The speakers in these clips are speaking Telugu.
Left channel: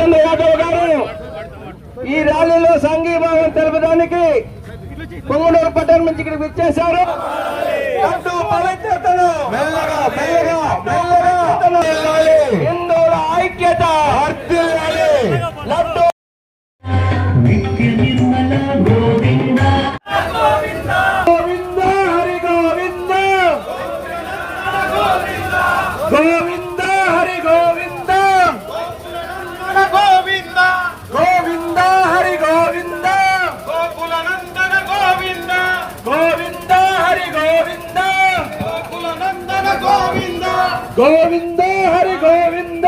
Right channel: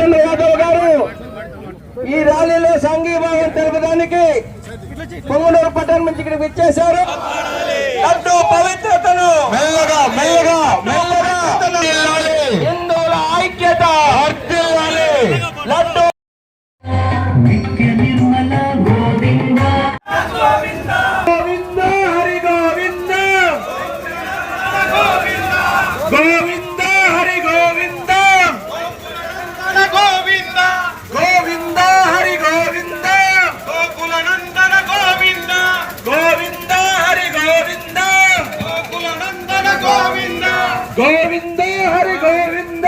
రామచంద్ర యాదవ్ గారు ఈ ర్యాలీలో సంఘీభావం తెలపడానికి పొంగనూరు పట్టణం నుంచి ఇక్కడికి విచ్చేశారు. అడ్డు పవిత్రతను మెల్లగా మెల్లగా మెల్లగా హిందువుల ఐక్యత లడ్డు గోవింద హరి గోవింద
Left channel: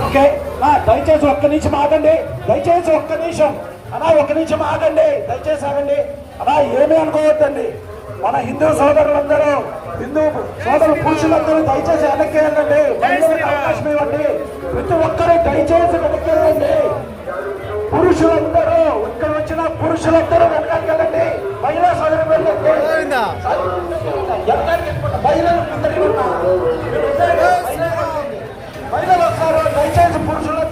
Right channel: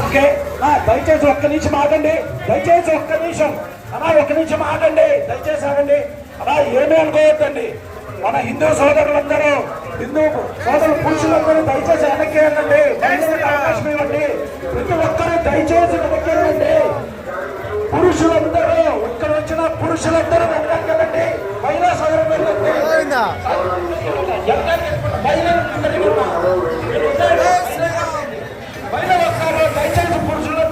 ఓకే దయచేసి ఒక్క నిమిషం ఆగండి దయచేసి ఒక్క నిమిషం అలా ఒక్క నిమిషం ఆగండి దయచేసి ఆగండి అలా ఏమీ అనుకోవద్దండి మన హిందూ సోదరులందరూ హిందూ సోదరు పురుషులందరూ దయచేసి వెనక్కి వెళ్ళండి అవకాశం ఇవ్వండి. ప్రతి ఒక్కరూ దయచేసి వెనక్కి వెళ్ళండి పురుషులందరూ ఇక్కడ వచ్చిన పురుషులందరూ వెనక్కి వెళ్ళండి మహిళా వెళ్ళండి. మహిళలు. మహిళలు వస్తారు దయచేసి పురుషులందరూ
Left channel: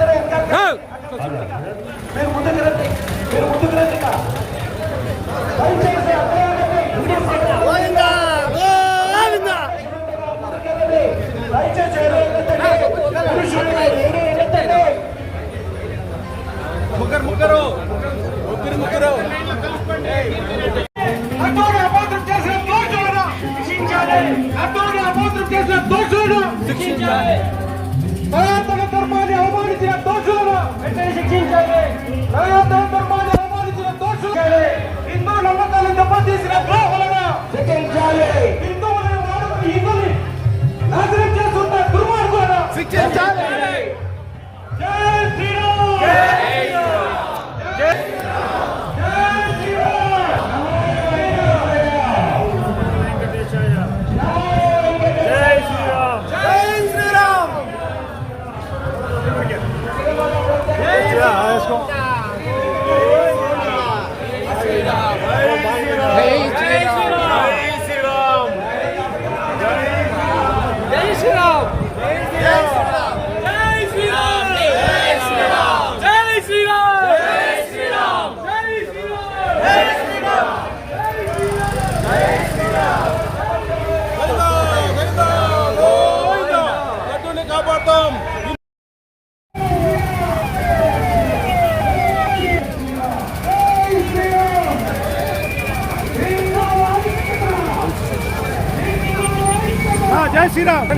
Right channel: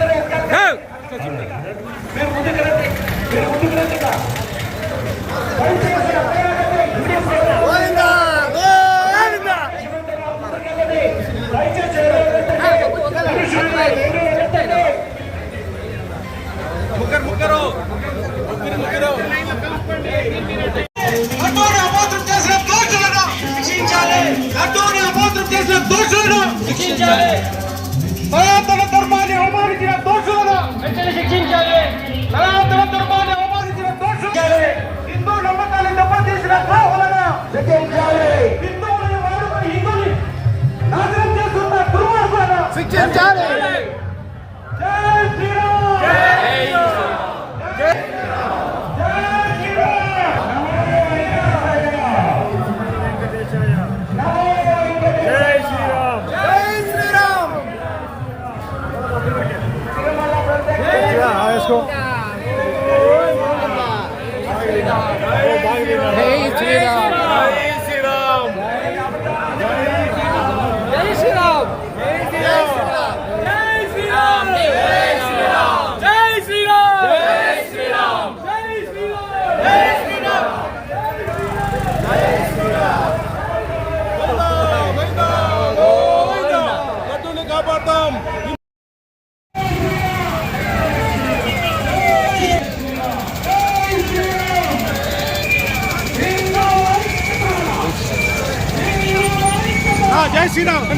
జై శ్రీరామ్.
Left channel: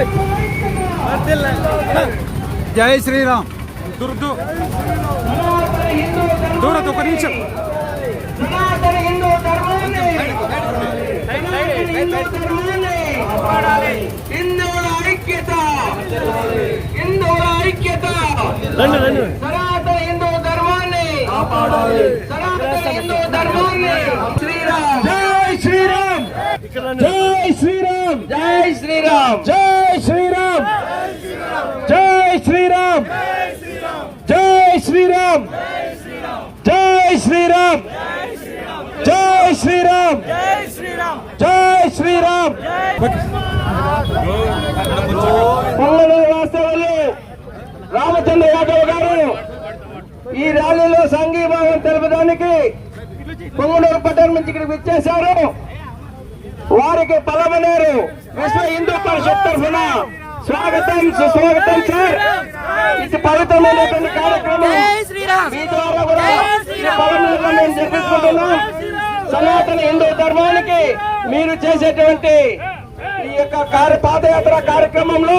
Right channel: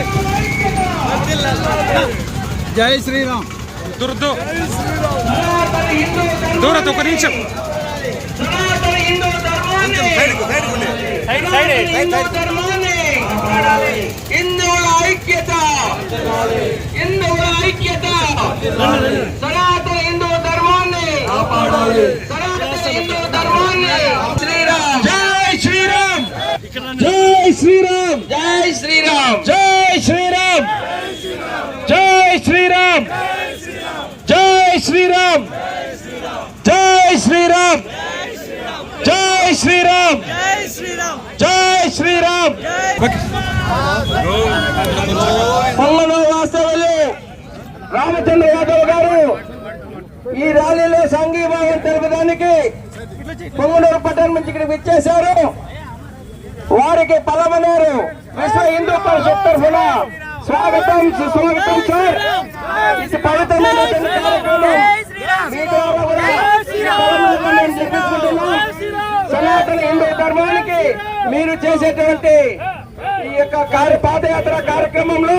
జై శ్రీరామ్. దుర్దు దూరత్ ఒక నిమిషం. హిందువుల ఐక్యత. హిందువుల ఐక్యత. సనాతన హిందూ ధర్మాన్ని. సనాతన హిందూ ధర్మాన్ని. శ్రీరామ్. జై శ్రీరామ్. జై శ్రీరామ్. జై శ్రీరామ్. జై శ్రీరామ్. జై శ్రీరామ్. జై శ్రీరామ్. జై శ్రీరామ్. జై శ్రీరామ్. జై శ్రీరామ్. పల్లెలో వాస్తవులు రామచంద్ర యాదవ్ గారు ఈ ర్యాలీలో సంఘీభావం తెలుపడానికి పొంగనూరు పట్టణం నుంచి ఇక్కడికి విచ్చేశారు. వారికి పలమనేరు విశ్వ హిందూ పరిషత్ తరఫున స్వాగతం సుస్వాగతం సార్. ఇది పవిత్రమైనటువంటి కార్యక్రమం. మీ ద్వారా కూడా ఈ పలమనేరులో మేము జరిపించుకుంటున్నాం సనాతన హిందూ ధర్మానికి మీరు చేసేటువంటి ఈ యొక్క కార్య పాదయాత్ర కార్యక్రమంలో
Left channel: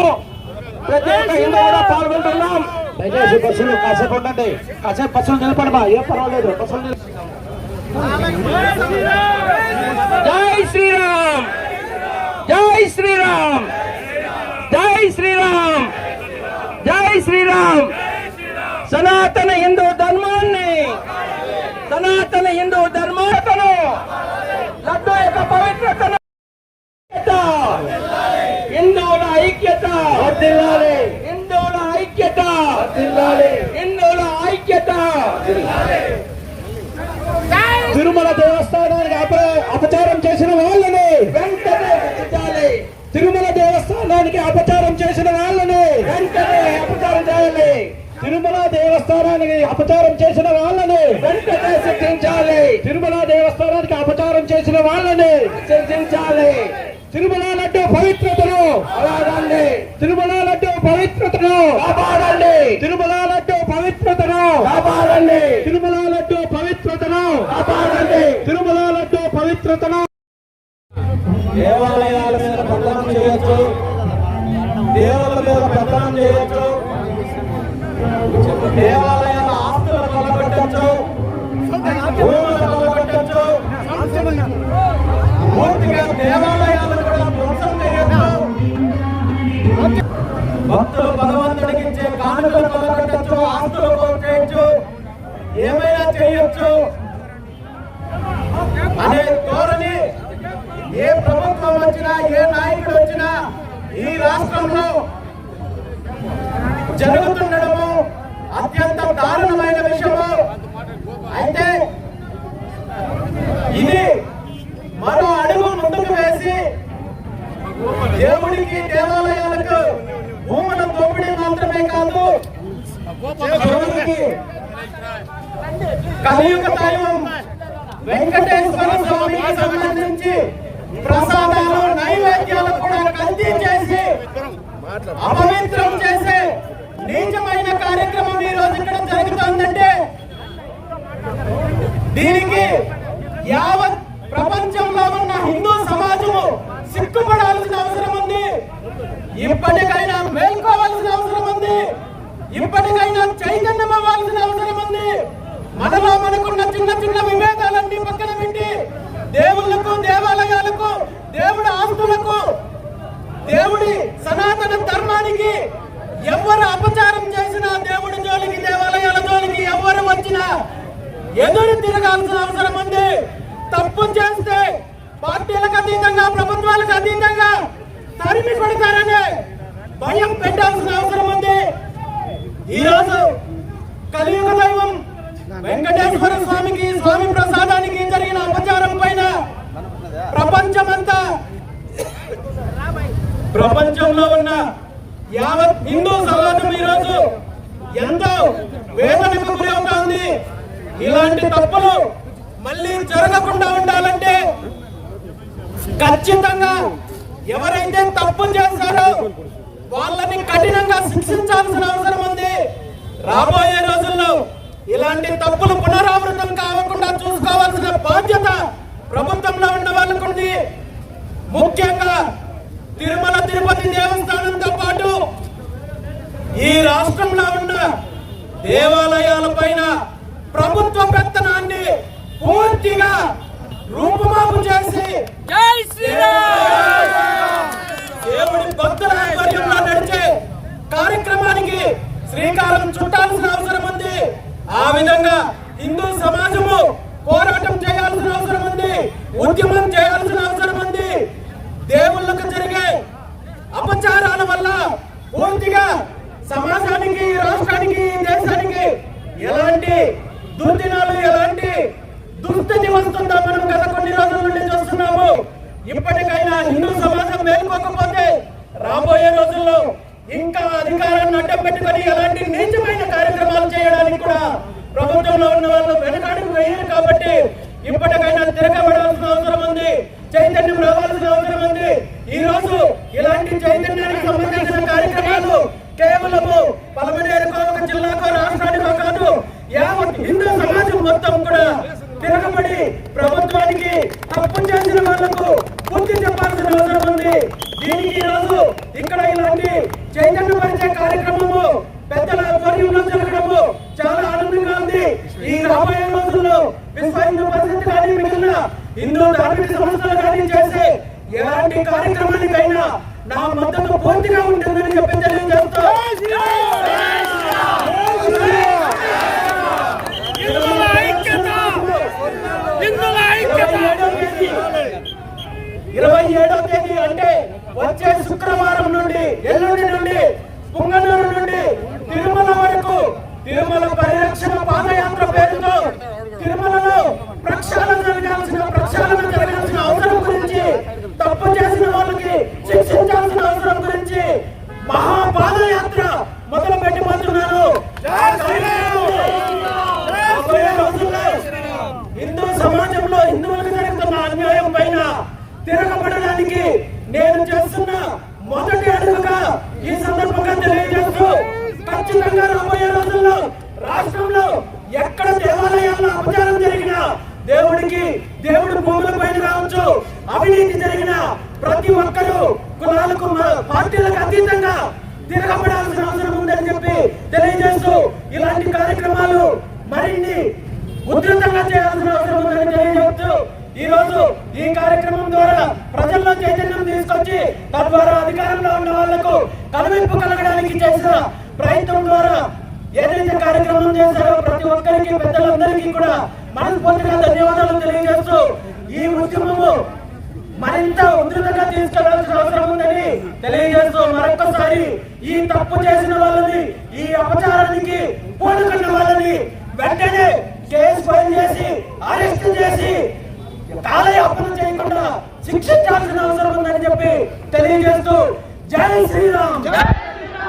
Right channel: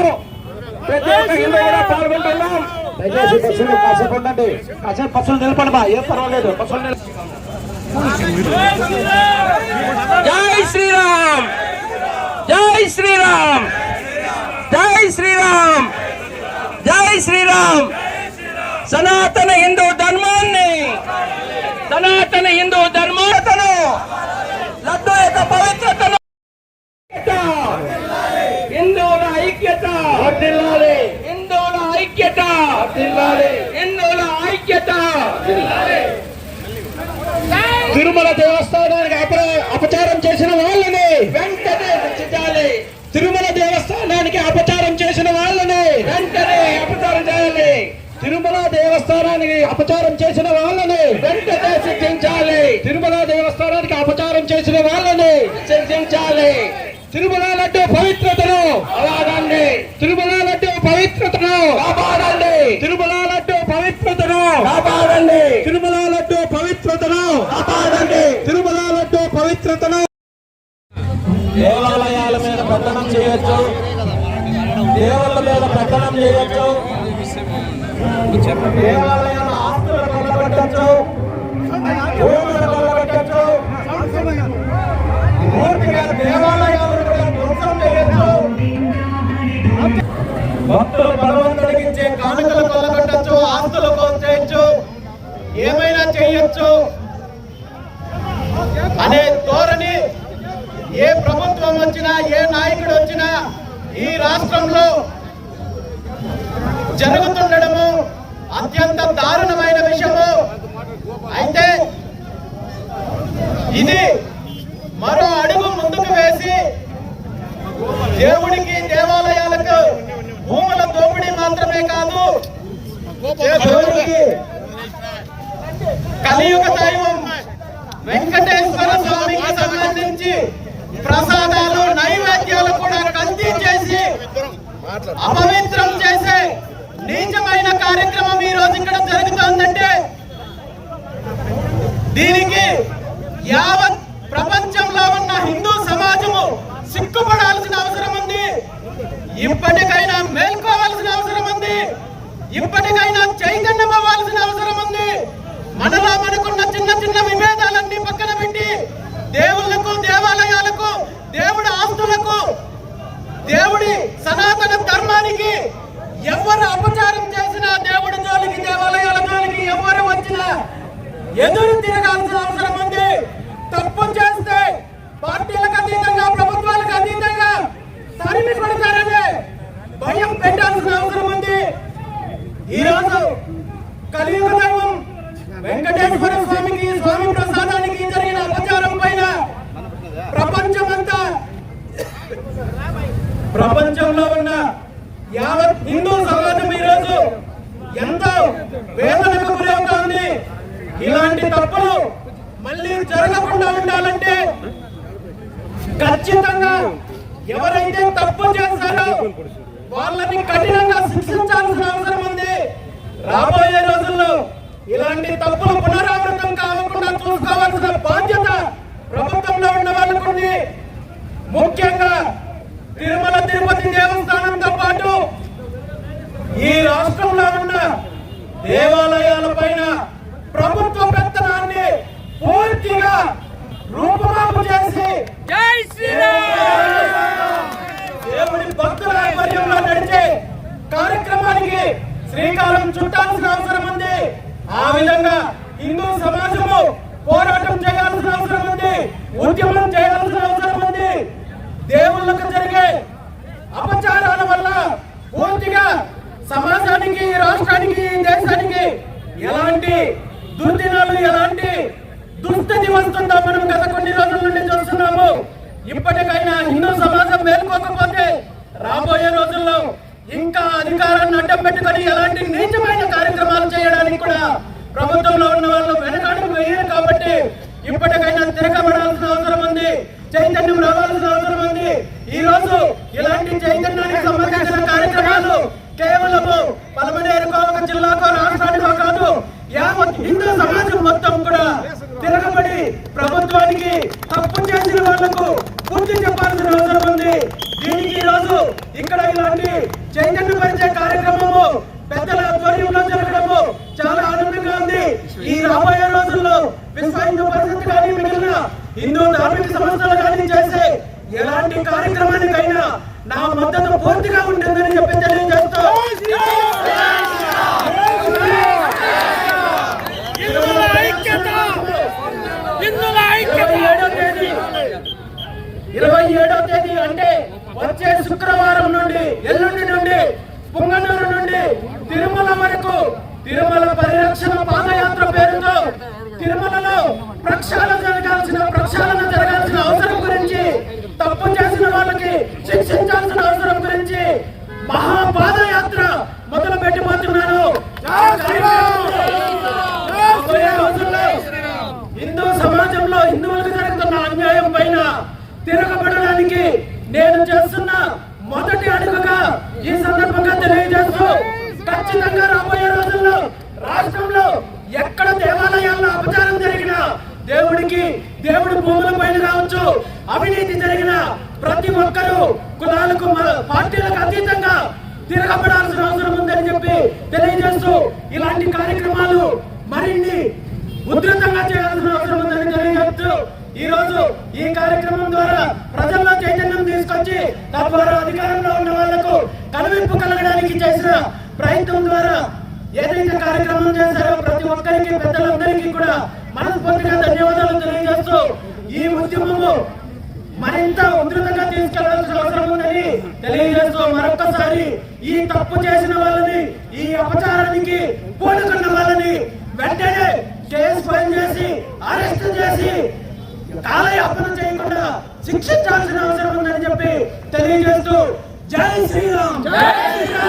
ప్రతి ఒక్క హిందూ కూడా పాల్గొంటున్నాం. దయచేసి బస్సులు కాసేపు ఉండండి. కాసేపు బస్సులు నిలబడి బా. ఏం పర్వాలేదు. బస్సులు జై శ్రీరామ్! జై శ్రీరామ్! జై శ్రీరామ్! జై శ్రీరామ్! సనాతన హిందూ ధర్మాన్ని సనాతన హిందూ ధర్మాతను లడ్డు యొక్క పవిత్రతను హిందువుల ఐక్యత హిందువుల ఐక్యత హిందువుల ఐక్యత. తిరుమల దేవస్థానానికి అపచారం చేసిన వాళ్ళని దేవస్థానానికి అపచారం చేసిన వాళ్ళని వెంటనే శిక్షించాలి తిరుమల దేవస్థానానికి అపచారం చేసిన వాళ్ళని శిక్షించాలి తిరుమల లడ్డు పవిత్రతను అలాగండి. తిరుమల లడ్డు పవిత్రతను కాపాడండి. తిరుమల లడ్డు పవిత్రతను కాపాడండి. తిరుమల లడ్డు పవిత్రతను కాపాడండి. తిరుమల లడ్డు పవిత్రతను దేవాలయాల మీద పెత్తనం చేయొచ్చు. దేవుళ్ళ మీద పెత్తనం చేయొచ్చు. దేవాలయాల ఆస్తులు కొల్లగొట్టచ్చు భూములు కొల్లగొట్టచ్చు పూర్తిగా దేవాలయాలను కూడా ధ్వంసం చేయొచ్చు భక్తులు భగవంతుడికి ఇచ్చే కానుకలు కొల్లగొట్టచ్చు ఆస్తులు చేయొచ్చు ఏమైనా చేయొచ్చు. అనే ధోరణి ఏ ప్రభుత్వం వచ్చినా ఏ నాయకుడు వచ్చినా ఈ రాష్ట్రంలో జరుగుతుండడము అత్యంత దారుణమైన విషయము. అయితే ఇది మరో అడుగు ముందుకు వేసి దేవుడికి దేవాలయాలకు భూముల దోపిడీ మాత్రమే కాదు దేవుడికి కలియుగ దైవం వెంకటేశ్వర స్వామికి సంబంధించి ప్రసాదాలు నైవేద్యాలు కూడా కల్తీ చేసి అపవిత్రం చేసే నీచమైన కార్యక్రమం ఈ రోజు ఇక్కడ జరుగుతోందంటే దీనికి యావత్ ప్రపంచంలో ఉన్న హిందూ సమాజము సిగ్గుపడాల్సిన అవసరం ఉంది. ఇప్పటికైనా మేల్కోవాల్సిన అవసరం ఉంది. ఇప్పటికైనా చైతన్యం అవ్వాల్సిన అవసరం ఉంది. మనలో మనకున్న చిన్న చిన్న విభేదాలన్నీ పక్కన పెట్టి దేవుళ్ళకు దేవాలయాలకు దేవుడి ఆస్తులకు దేవుడి సనాతన ధర్మానికి ఎవరు అపచారం చేసినా దేవుడి జోలికి దేవాలయాల జోలికి ఎవరు వచ్చినా ఎదురు తిరగాల్సిన అవసరం ఉంది. తప్పు చేస్తే పార్టీలకు అతీతంగా ప్రభుత్వాలకు అతీతంగా తరిమి కొడతారనే భయం పెట్టాల్సిన అవసరం ఉంది. ఈ రోజు కలియుగ దైవం వెంకటేశ్వర స్వామికి స్వామి ప్రసాదానికి జరిగిన అపచారం పైన ప్రపంచమంతా ప్రపంచంలో ఉన్న యావత్ హిందూ సమాజం ఈరోజు ఎంతో వేదనకు గురి అవుతోంది. ఇలాంటి తప్పులు మళ్ళీ జరగకుండా ఉండాలంటే ఖచ్చితంగా ఎవరైతే తప్పు చేస్తారో వాళ్ళని కఠినంగా శిక్షించాల్సిన అవసరం ఉంది. రాబోయే రోజుల్లో ఇలాంటి తప్పులు పునరావృతం కాకుండా చూసుకోవాల్సిన బాధ్యత ప్రభుత్వంలో ఉన్న ముఖ్యంగా తిరుమల తిరుపతి దేవస్థానం పాటు ఈ రాష్ట్రంలో ఉన్న దేవాలయాల పైన ప్రభుత్వ పెత్తనాన్ని పూర్తిగా రూపుమాపు చేసి దేవుడి భక్తుల ఆధ్వర్యంలో నడిచే కార్యక్రమానికి శ్రీకారం చుట్టాల్సిన అవసరం ఉంది. ఆ విధంగా హిందూ సమాజము పోరాటం చేయాల్సిన అవసరం ఉంది. ఉద్యమం చేయాల్సిన అవసరం ఉంది. దేవుళ్ళకు జరిగే అపచారాల వల్ల పూర్తిగా సమాజానికి రాష్ట్రానికి దేశానికి ఎలాంటి దుర్దినాలు ఎలాంటి దుస్థితి వస్తుందో మనం గత కొన్ని రోజుల నుండి చూస్తున్నాము. ఇప్పటికైనా హిందూ సమాజం మేల్కోకపోతే రాబోయే రోజుల్లో ఇంకా అధికారాన్ని అడ్డం పెట్టుకొని ఎలాంటి నీచమైన కార్యక్రమాలు చేయడానికి కూడా ప్రభుత్వంలో ఉన్న వాళ్ళు వెనకాడికి వేయరు కాబట్టి ఇప్పటికైనా తిరగబడాల్సిన అవసరం ఉంది. చైతన్యం రావాల్సిన అవసరం ఉంది. ఈ రోజు ఇలాంటి చైతన్యానికి సంబంధించిన కార్యక్రమాలు కేవలము పలమనేరుకో ఒక జిల్లాకో రాష్ట్రానికో కాదు యావత్ హిందూ సమాజం మొత్తం కూడా తిరగబడి ప్రభుత్వానికి తప్పు చేసిన వాళ్ళకు పూర్తి చెప్పాల్సిన అవసరం ఉంది. దీనికి ఈ రోజు ఇక్కడ ఇలాంటి చైతన్యపరిచే కార్యక్రమము పెద్దల ఆధ్వర్యంలో జరగడము చాలా ఆనందంగా ఉంది. ఈ రాబోయే రోజుల్లో హిందూ పరిస్థితి కానీ మిగిలిన హిందూ ధార్మిక సంస్థలు కానీ చేసే ఎలాంటి కార్యక్రమానికైనా నా మద్దతు పూర్తిగా ఉంటుందని చెప్పి తెలియజేస్తూ ఇరవై ఏడో తేదీ ఇరవై ఏడో తేదీ అంటే వచ్చే శుక్రవారం నుండి ఎల్లుండి నుండి పుంగనూరు నుండి తిరుమల వరకు తిరుమల పరిరక్షణ పాదయాత్ర పేరుతో తిరుమలలో ప్రక్షాళన జరగాల్సిన ప్రక్షాళన జరగాల్సిన అవసరం గురించి తప్పు చేసిన వాళ్ళకి శిక్షించాల్సిన అవసరం గురించి మహాపాదయాత్ర మొదలు పెట్టబోతున్నారు హిందూ సమాజంలో హిందువులకు జరుగుతున్న అన్యాయం పైన తిరగబడడానికి నేను చేస్తున్న మొదటి అడుగుగా ఈ సందర్భంగా తెలియజేస్తూ ఖచ్చితంగా రాబోయే రోజుల్లో రాష్ట్రంలో ఎక్కడ దేవాలయాల్లో అపచారం జరిగినా దేవుడికి దేవుడు భూముల పైన కావచ్చు అవినీతి జరిగిన ప్రతి ఒక్కరూ కులాలకు పార్టీలకు అతీతంగా తిరగబడాల్సిన అవసరం ఉందని చెప్పి తెలియజేస్తూ ఇలాంటి కార్యక్రమాలు మరిన్ని ఉధృతంగా చేయాల్సిన అవసరం ఉందని తెలియజేస్తూ ఈ రోజు ఈ కార్యక్రమం ద్వారా ప్రజల్లో చైతన్యం తీసుకొచ్చి తద్వారా అధికారంలో ఉన్న వాళ్ళకు కనువింపు కలగడానికి చేసిన ప్రయత్నం ద్వారా ఏదైతే కార్యక్రమం చేశారో ప్రతి ఒక్కరికి పెద్దలందరికీ కూడా మనస్ఫూర్తిగా ధన్యవాదాలు తెలియజేస్తూ ఈ ఉద్యమము మరింత ఉధృతంగా తీసుకెళ్ళాల్సిన అవసరం ఉందని తెలియజేస్తూ మరొకసారి ఈ తప్పు చేసిన వాళ్ళని ఈ అపచారానికి పూనుకున్న వాళ్ళని వెంటనే కేసు ఫైల్ చేసి అరెస్ట్ చేసి కాలయాపన చేయకుండా శిక్షించాల్సిన అవసరం ఉందని చెప్పి తెలియజేస్తూ జై శ్రీరామ్. జై శ్రీరామ్.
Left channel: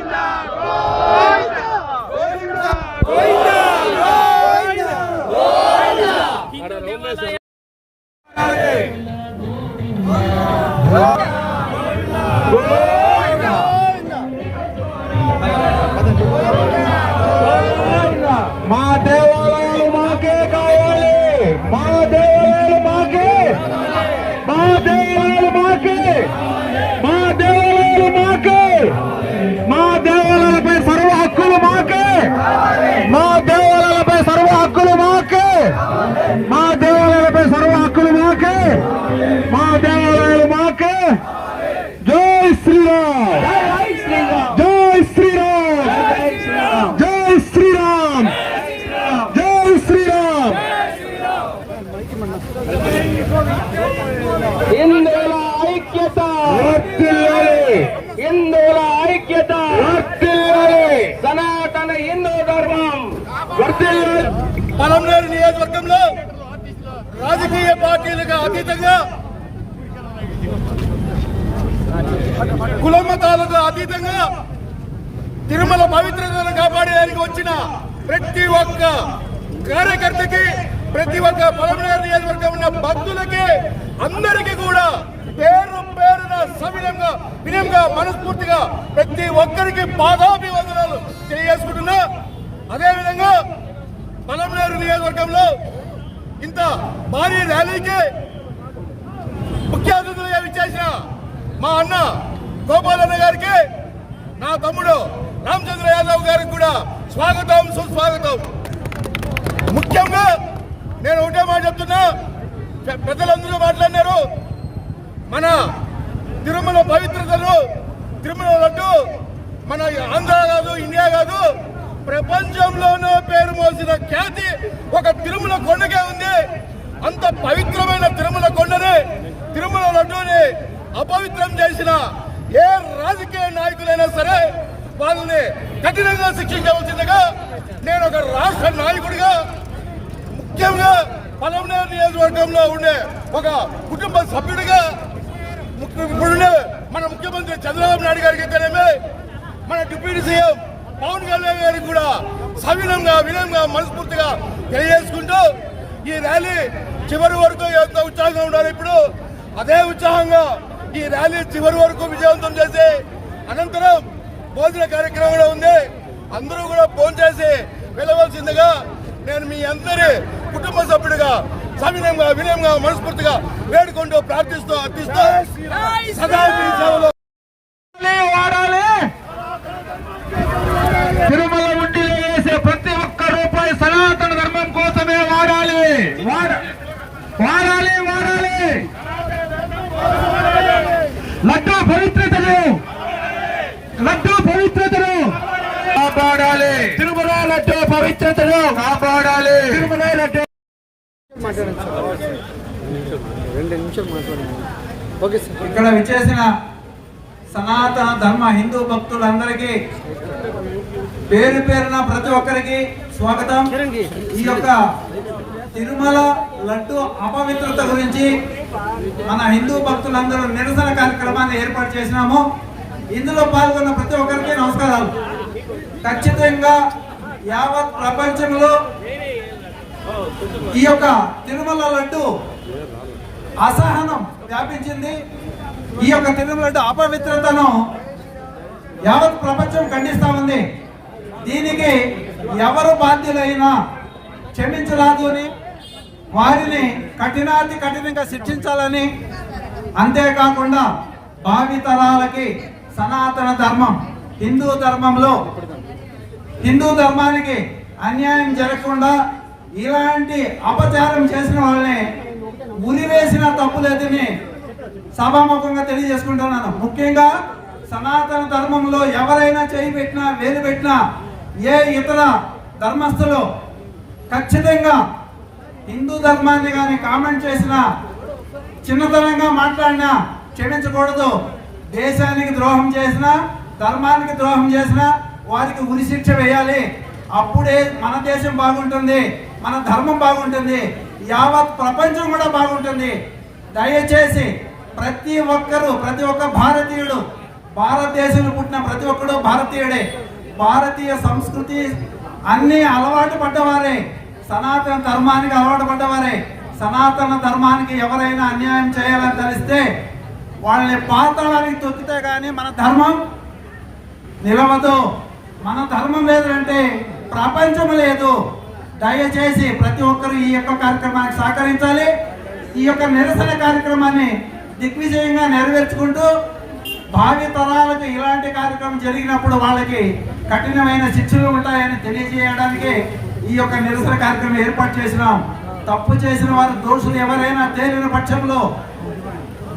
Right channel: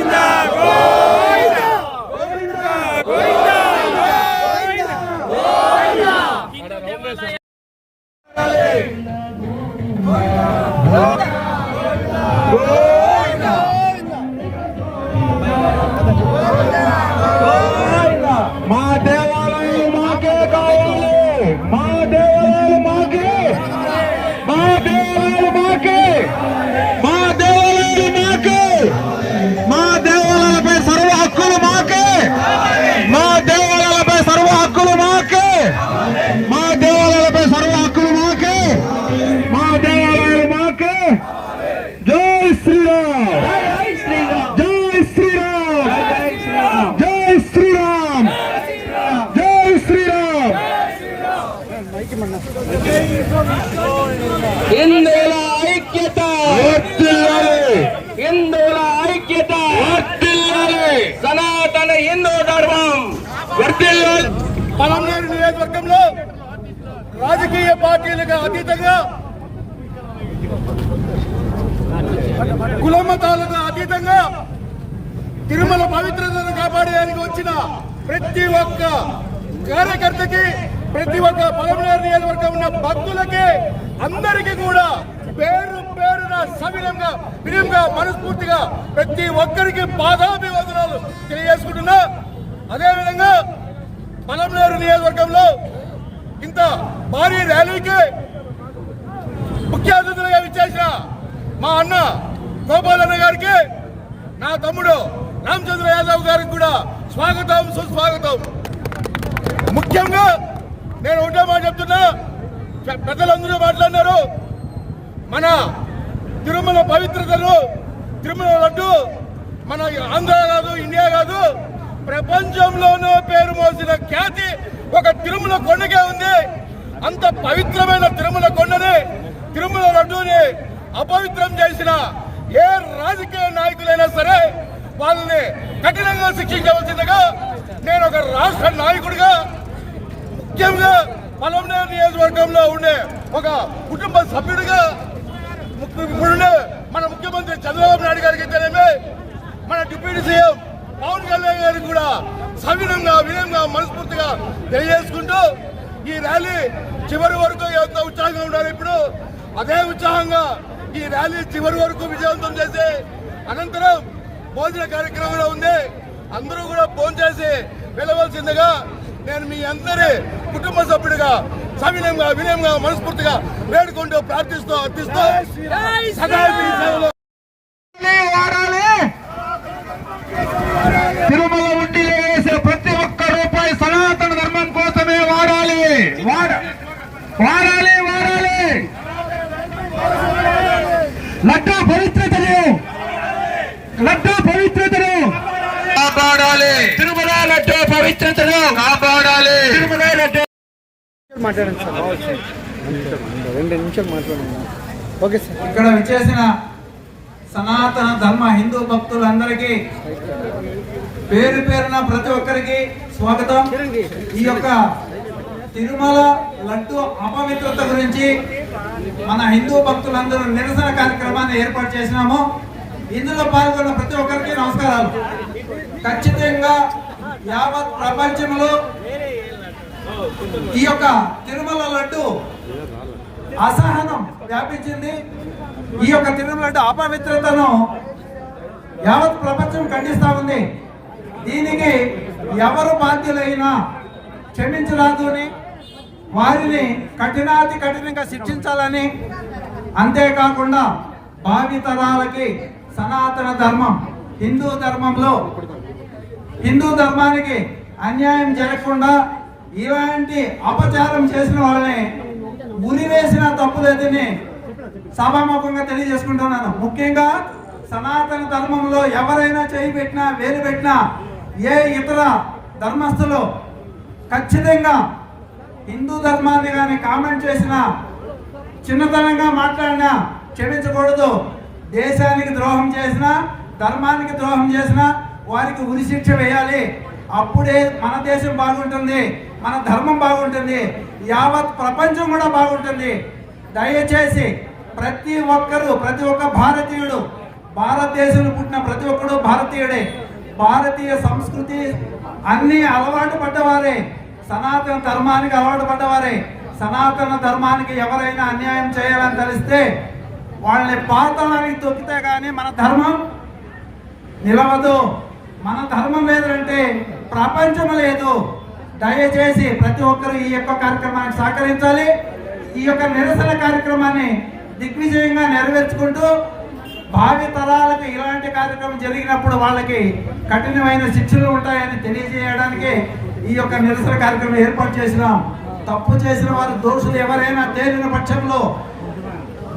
అతీతంగా కులమతాలకు అతీతంగా తిరుమల పవిత్రతను కాపాడేయడానికి వచ్చిన ప్రతి ఒక్క కార్యకర్తకి ప్రతి ఒక్క పలమనేరు నియోజకవర్గం ఉన్న భక్తులకి అందరికీ కూడా పేరు పేరున సవినంగా వినయంగా మనస్ఫూర్తిగా ప్రతి ఒక్కరికి పాదాభివందనాలు తెలియజేసుకుంటున్నా. అదేవిధంగా పలమనేరు నియోజకవర్గంలో ఇంత భారీ ర్యాలీకి ముఖ్య అతిథులుగా విచ్చేసిన మా అన్న గోపాలన్న గారికి నా తమ్ముడు రామచంద్ర యాదవ్ గారికి కూడా స్వాగతం సుస్వాగతం. ముఖ్యంగా నేను ఒకటే మాట చెప్తున్నా పెద్దలందరూ మాట్లాడినారు. మన తిరుమల పవిత్రతను తిరుమల లడ్డు మన ఆంధ్ర కాదు ఇండియా కాదు ప్రపంచంలోనూ పేరు మోసిన ఖ్యాతి ఒక తిరుమల కొండకే ఉంది. అంత పవిత్రమైన తిరుమల కొండని తిరుమల లడ్డూని అపవిత్రం చేసిన ఏ రాజకీయ నాయకులైనా సరే వాళ్ళని కఠినంగా శిక్షించవలసిందిగా నేను ఒక రాష్ట్ర నాయకుడిగా ముఖ్యంగా పలమనేరు నియోజకవర్గంలో ఉండే ఒక కుటుంబ సభ్యుడిగా ముఖ్య- ఇప్పుడుండే మన ముఖ్యమంత్రి చంద్రబాబు నాయుడు గారికి తెలియమే మన డిప్యూటీ సీఎం పవన్ కళ్యాణ్ గారికి కూడా సవినంగా వినంగా మనస్ఫూర్తిగా తెలియజేసుకుంటూ ఈ ర్యాలీ చివరి వరకు ఎంత ఉత్సాహంగా ఉండాలి. ఇప్పుడు అదే ఉత్సాహంగా ఈ ర్యాలీ చివరి వరకు విజయవంతం చేసి అనంతరం భోజన కార్యక్రమం కూడా ఉంది. అందరూ కూడా ఫోన్ చేసి వెళ్ళవలసిందిగా నేను మీ అందరి కుటుంబ సభ్యుడిగా సవినంగా వినయంగా మనస్ఫూర్తిగా వేడుకుంటూ ప్రార్థిస్తూ అర్థిస్తూ సదా సేవలో తిరుమల ఉండిలో వేసే ప్రతి ఒక్క రూపాయి సనాతన ధర్మం కోసమే వాడాలి వాడ వాడాలి వాడాలి లడ్డు పవిత్రతను. లడ్డు పవిత్రతను. కాపాడాలి. తిరుమల లడ్డు పవిత్రతను. కాపాడాలి. తిరుమల లడ్డు. ఇక్కడ విచ్చేసిన సనాతన ధర్మ హిందూ భక్తులందరికీ పేరు పేరున ప్రతి ఒక్కరికి స్వాగతం. ఈ యొక్క తిరుమల లడ్డు అపవిత్రత గురించి మన హిందూ భక్తులందరూ నిరసన కార్యక్రమాన్ని ఏర్పాటు చేసినాము. ఇందులో పాల్గొన్న ప్రతి ఒక్కరికి నమస్కారాలు. ఖచ్చితంగా యావత్ ప్రపంచంలో ఈ యొక్క తిరుమల లడ్డు అసహనం వ్యాపించింది. ఈ యొక్క తిరుమల అపవిత్రతను యావత్ ప్రపంచం ఖండిస్తా ఉంది. దీనికి ఎవరు బాధ్యులైనా క్షమించరాదు అని వారిని కఠినాతి కఠినంగా శిక్షించాలని అంతేకాకుండా భావి తరాలకి సనాతన ధర్మం హిందూ ధర్మంలో హిందూ ధర్మానికి అన్యాయం జరగకుండా ఇలాంటి అపచారం చేసిన వాళ్ళని ఉరివేసిన తప్పులేదని సభాముఖంగా తెలియజేసుకుంటున్నాను. ముఖ్యంగా సనాతన ధర్మంలో ఎవరైనా చేయి పెట్టినా వేలు పెట్టినా ఏ ఇతర ధర్మస్థులు ఖచ్చితంగా హిందూ ధర్మాన్ని కానీ కామెంట్ చేసినా చిన్నతనంగా మాట్లాడినా క్షమించకూడదు. దేశానికి ద్రోహం చేసినా ధర్మానికి ద్రోహం చేసినా వారికి ఉరి శిక్ష వేయాలి. అప్పుడే మన దేశం బాగుంటుంది మన ధర్మం బాగుంటుంది యావత్ ప్రపంచం కూడా బాగుంటుంది. దయచేసి ప్రతి ఒక్కరూ ప్రతి ఒక్క భారతీయుడు భారతదేశంలో పుట్టిన ప్రతి ఒక్కడు భారతీయుడే. భారతీయ సంస్కృతి అన్ని అలవాటు పడ్డవారే. సనాతన ధర్మానికి అలవాటు పడ్డవారే. సనాతన ధర్మానికి ఎవరైనా అన్యాయం చేయాలని తెలిస్తే వాళ్ళని పాతాళానికి తొక్కితే కానీ మన ధర్మం నిలవదు. మన ధర్మం లేదంటే ప్రపంచం లేదు. దయచేసి ప్రతి ఒక్కరు ఈ యొక్క కార్యక్రమానికి సహకరించాలి. ఈ యొక్క నిరసన కార్యక్రమాన్ని దిగ్విజయంగా నెరవేర్చుకుంటూ భావి తరాలకు ఇలాంటి కార్యక్రమం జరిగినప్పుడు వాళ్ళకి కఠినమైన శిక్షలు ఉంటాయని తెలియజేయడానికి ఈ యొక్క నిరసన కార్యక్రమం ఏర్పాటు చేసినాం. తప్పు చేసిన వారు దోషులు ఎవరైనా తేలిన పక్షంలో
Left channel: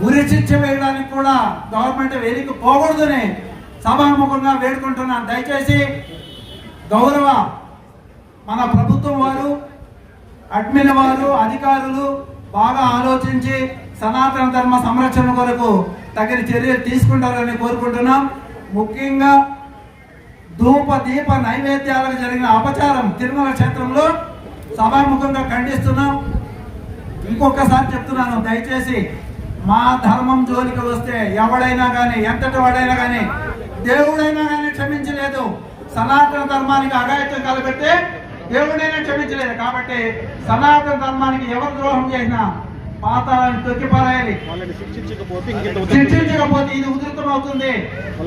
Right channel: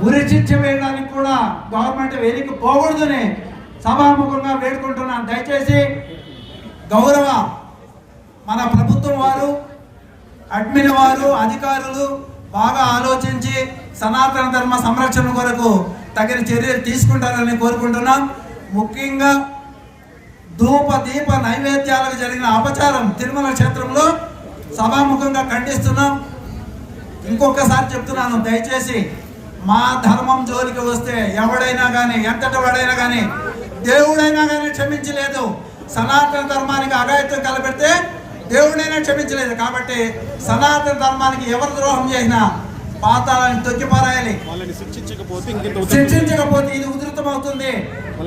ఉరి శిక్ష వేయడానికి కూడా గవర్నమెంట్ వేదిక పోకూడదని సభాముఖంగా వేడుకుంటున్నాను దయచేసి గౌరవ మన ప్రభుత్వం వారు అడ్మిన్ వారు అధికారులు బాగా ఆలోచించి సనాతన ధర్మ సంరక్షణ కొరకు తగిన చర్యలు తీసుకుంటారని కోరుకుంటున్నాం. ముఖ్యంగా ధూప దీప నైవేద్యాలకు జరిగిన అపచారం తిరుమల క్షేత్రంలో సభాముఖంగా ఖండిస్తున్నాం. ఇంకొకసారి చెప్తున్నాను దయచేసి మా ధర్మం జోలికి వస్తే ఎవడైనా కానీ ఎంతటి వాడైనా కానీ దేవుడైనా కానీ క్షమించలేదు. సనాతన ధర్మానికి అగాయత్వం కలపెడితే దేవుడైనా క్షమించలేదు. కాబట్టి సనాతన ధర్మానికి ఎవరు ద్రోహం చేసినా పాతాలని తొక్కిపారాయాలి శిక్షించకపోతే ఇది ఉధృతం అవుతుంది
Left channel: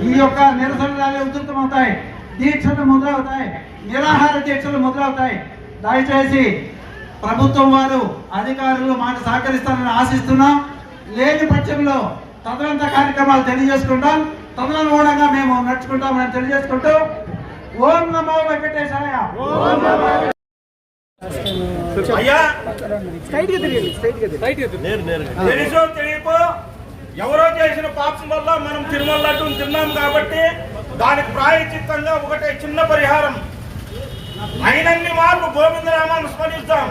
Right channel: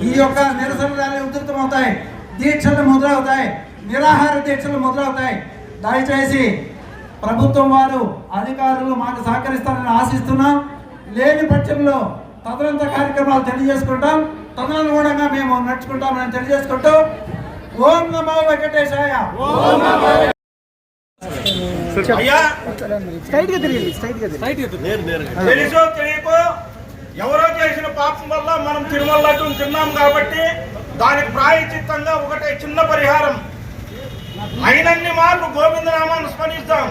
ఈ యొక్క నిరసన ర్యాలీ ఉధృతం అవుతాయి దీక్షలు మొదలవుతాయి. నిరాహార దీక్షలు మొదలవుతాయి. దయచేసి ప్రభుత్వం వారు అధికారులు మాకు సహకరిస్తారని ఆశిస్తున్నాం. లేని పక్షంలో తదనంత కార్యక్రమాలు తెలియజేసుకుంటాం. తదనుగుణంగా మేము నడుచుకుంటామని తెలియజేసుకుంటూ ఓం నమో వెంకటేశాయ. అయ్యా! తెలుసో తెలియకో? ఎవరో చేసిన పాపం వల్ల మనం తిరుమల తిన్నాం కాబట్టి దానికి ప్రాయచిత్తంగా ఒకటే చిన్న పరిహారం. అయినన్ని మార్లు గోవిందనామాన్ని స్మరిస్తాం.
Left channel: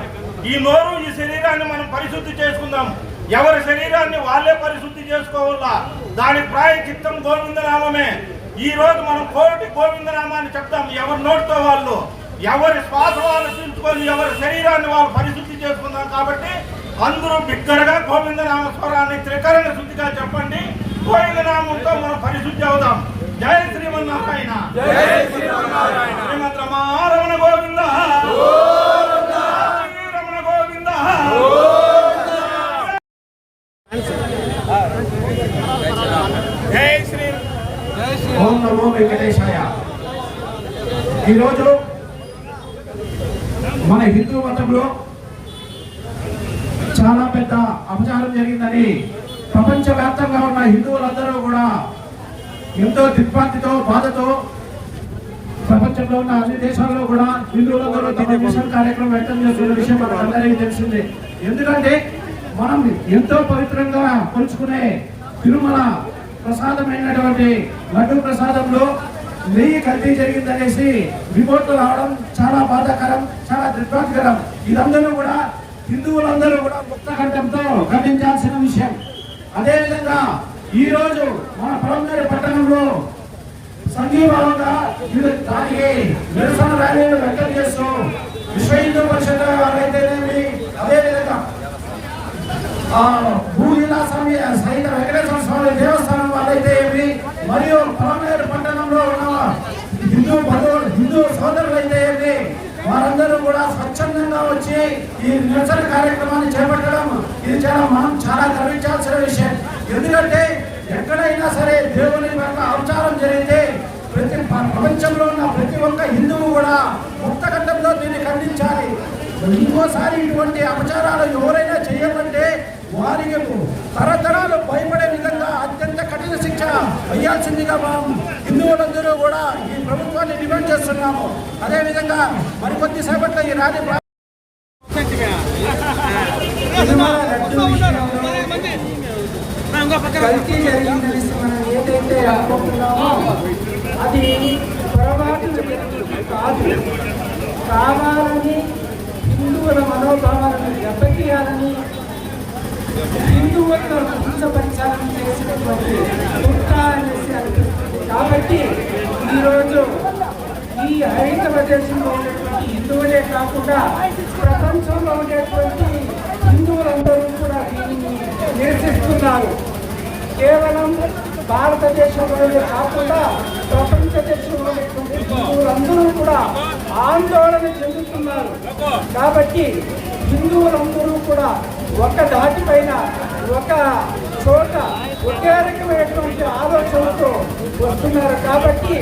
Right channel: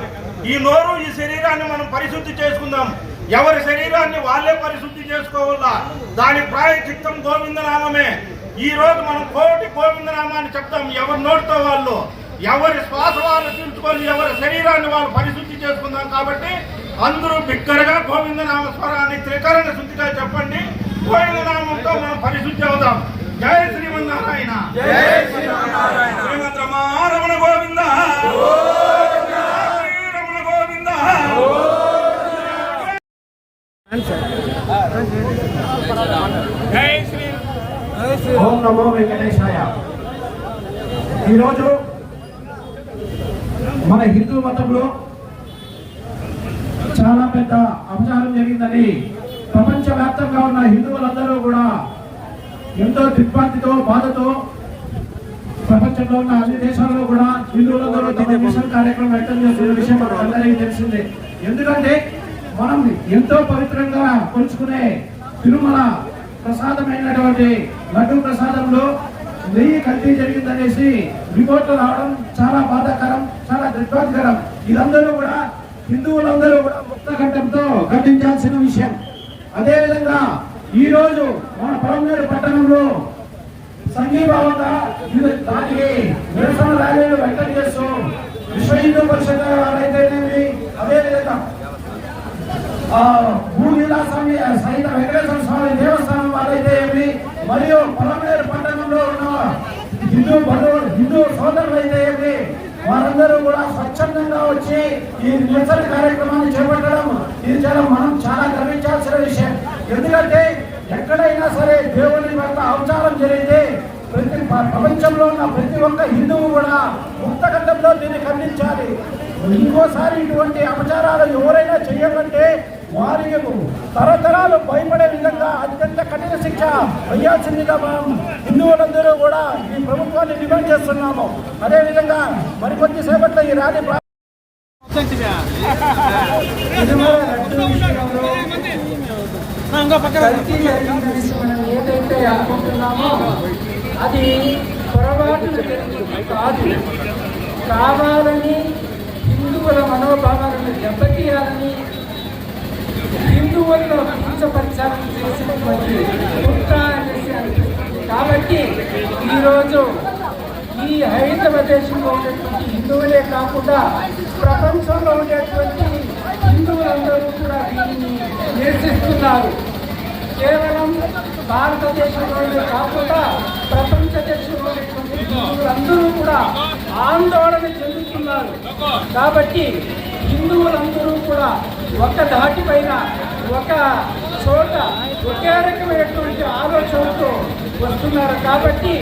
ఈ నోరు ఈ శరీరాన్ని మనం పరిశుద్ధి చేసుకుందాం. ఎవరి శరీరాన్ని వాళ్ళే పరిశుద్ధి చేసుకోవాలా? దాని ప్రాయచిత్తం గోవిందనామమే. ఈ రోజు మనం కోటి గోవిందనామాన్ని చెప్తాం. ఎవరి నోటితో వాళ్ళు ఎవరి శ్వాస వాళ్ళు పీల్చుకొని ఎవరి శరీరాన్ని వాళ్ళు పరిశుద్ధి చేసుకుందాం కాబట్టి అందరూ బిగ్గరగా గోవిందనామ స్వరాన్ని త్రికరణ శుద్ధిగా చెప్పండి. గోవిందనామంతో మనం పరిశుద్ధి అవుదాం. జయ శ్రీమన్నారాయణ. శ్రీమద్ రమారమణ గోవింద. రమణ గోవింద. జై శ్రీ ఓం నమో వెంకటేశాయ. ఈరోజు మన హిందూ మతంలో చాలా పెద్ద అపచారం జరిగిందని ప్రపంచవ్యాప్తంగా ఉన్న హిందువులందరూ కూడా ఎంతో దిగ్భ్రాంతితో బాధతో ప్రపంచంలో ఉన్న అన్ని దేశాల్లో కూడా హిందువులందరూ తమ నిరసన కార్యక్రమం వ్యక్తం చేస్తున్న విషయం మనందరికీ తెలిసిందే ఎందుకంటే మనం ఎంతో పవిత్రంగా కొలుచుకునే తిరుమల ప్రసాదమైనటువంటి లడ్డు ప్రసాదంలో నెయ్యి కల్తీ జరిగిందనేసి రిపోర్ట్లు రావడం చాలా బాధాకరం చాలా దుర్భాగ్యకరం. ఇదందరూ కూడా హిందువులందరూ కూడా ముక్తకంఠంతో ఖండించాల్సిన విషయం. అదేవిధంగా ఈరోజు మన పొలంనేరు పట్టణంలో సంఘీభావంగా దానికి నిరసన ర్యాలీలు వ్యక్తం చేస్తూ విశ్వ హిందూ పరిషత్ వారైతేనేమి అదేవిధంగా ఆ, స్వామి సహిత వెంకటేశ్వర స్వామి దేవస్థానం వాళ్ళైతే ఏమి? మరియు పొలంనేరు పట్టణంలో ఉన్న హిందూ బంధువులు హిందూ సోదరులు అయితే ఏమి? వారందరూ కూడా స్వచ్ఛందంగా వచ్చి ఈ నిరసన కార్యక్రమాన్ని చేపట్టడం ఇది చాలా మనం చాలా గర్వించాల్సిన విషయం. ఎందుకంటే ఎక్కడైనా సరే దేవుని యొక్క అవతారం జరిగితే ప్రతి ప్ర- ప్రపంచంలో ఉన్న ప్రతి ఒక్క హిందువు కూడా ముక్తఖండంలో దీన్ని ఖండించాలి. ఇంకోసారి ఇటువంటి అపచారాలు ఎవరైనా చేయాలంటే వారికి తరతరాలు భయపడే విధంగా అత్యంత కఠిన శిక్ష వేయాల్సిందిగా మనం హిందువులందరూ కూడా ఈ ప్రభుత్వాన్ని డిమాండ్ చేస్తున్నాము. అదేవిధంగా మరికొద్ది సేపట్లో ఈ విషయంలో కల్తీ జరిగిందని మనం ఏదైతే అనుకుంటున్నామో అది పొరపాటు కాదు. కావాలని హిందువుల మనోభావాలను దెబ్బతీయాలని హిందువులను హింసపరచాలని చేసినటువంటి కుక్క అనేసి అనిపిస్తుంది. కాబట్టి ఈరోజు ఈ హైందవ దేశంలో ఉండేటువంటి హిందువులే కాకుండా ప్రపంచంలో ఉండేటువంటి హిందువులందరూ కూడా దీనిని నిరసిస్తున్నారు. కేవలం భారతదేశంలోనే కాకుండా ప్రపంచ దేశంలోనేటువంటి హిందువులందరూ కూడా ఆందోళన చెందుతున్నారు. కాబట్టి హిందువులందరూ కూడా ఒక దాటిపైన ఒక చోట ఒకే రకమైనటువంటి ఆలోచనతో వస్తున్నారు. కాబట్టి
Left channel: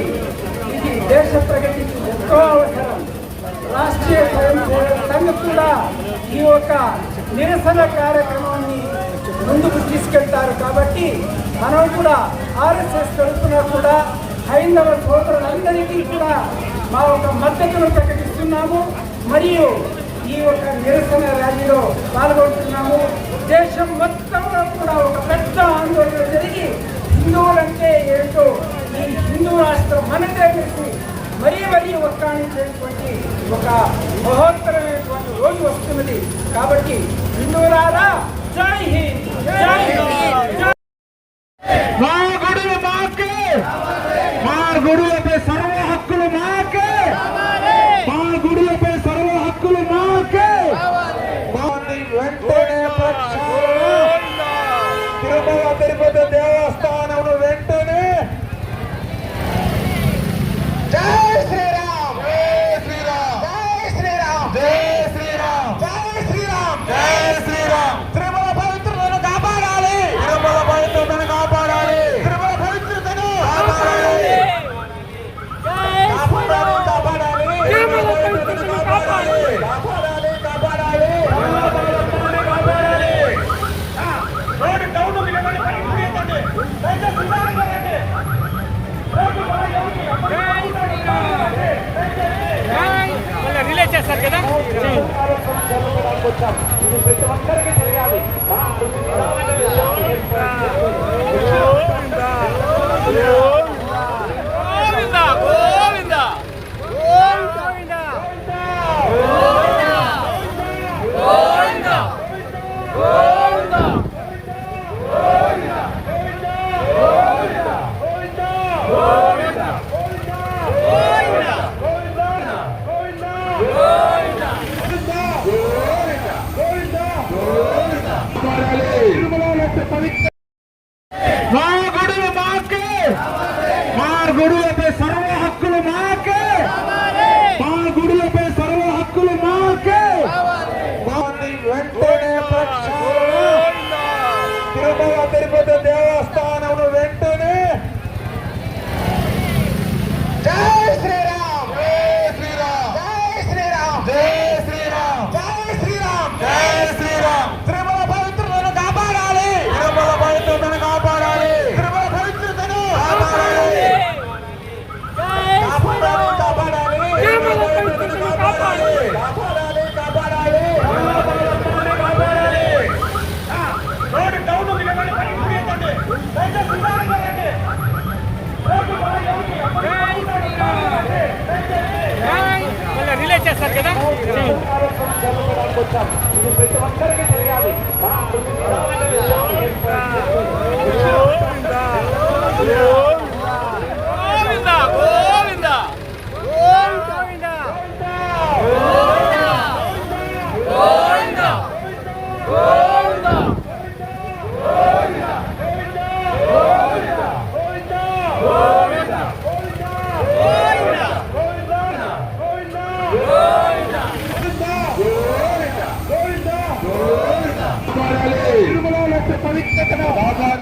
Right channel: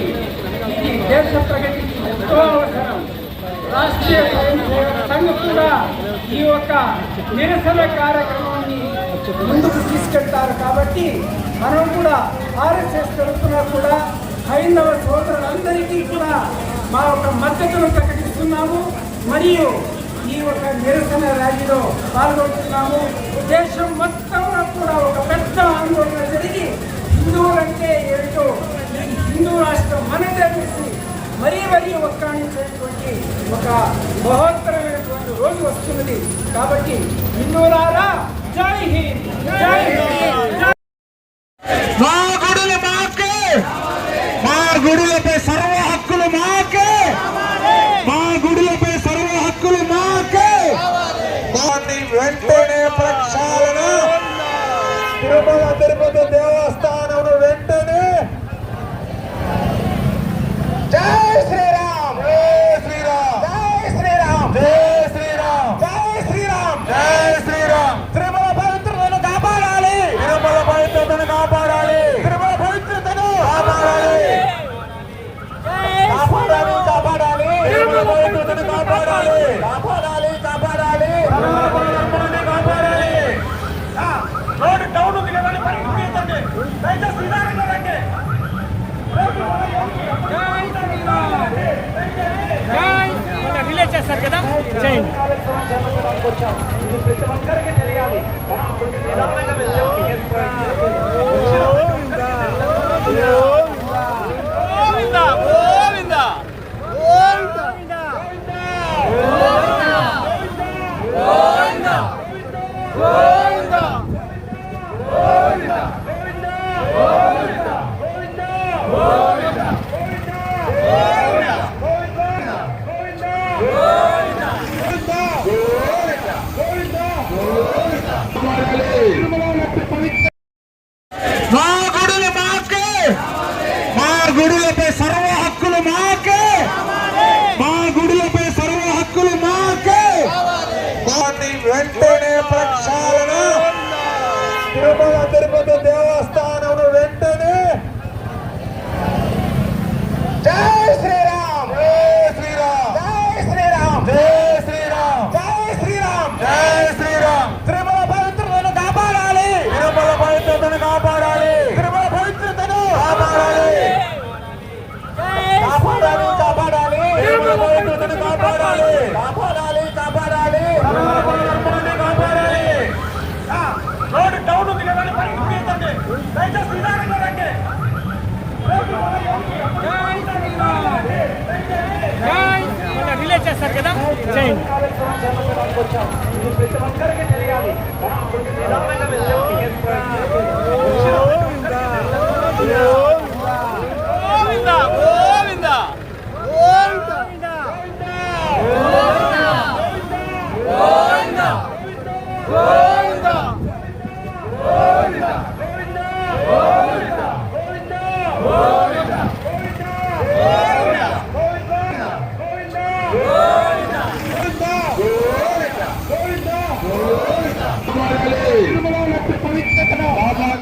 ఇది దేశ ప్రగతికి ఎంతో అవసరం. రాష్ట్రీయ స్వయం సేవక సంఘం కూడా ఈ యొక్క నిరసన కార్యక్రమం ముందుకు తీసుకెళ్తారు కాబట్టి మనం కూడా ఆర్ఎస్ఎస్ తరఫున కూడా హైందవ సోదరులందరికీ కూడా మా యొక్క మద్దతును ప్రకటిస్తున్నాము. మరియు ఈ యొక్క నిరసన ర్యాలీలో పాల్గొంటున్నాము. దేశం మొత్తంలో కూడా ఒక పెద్ద ఆందోళన జరిగి హిందువులంటే ఏంటో ఈ హిందూ రాష్ట్రం మనదే తెలిసి మరీ మరీ ఒక్కాణించేటువంటి ఒక మహోత్తరమైనటువంటి రోజు వస్తున్నది. కాబట్టి హిందువులారా జై హింద్ జై హింద్ రిలే చేస్తారు కదా చేయండి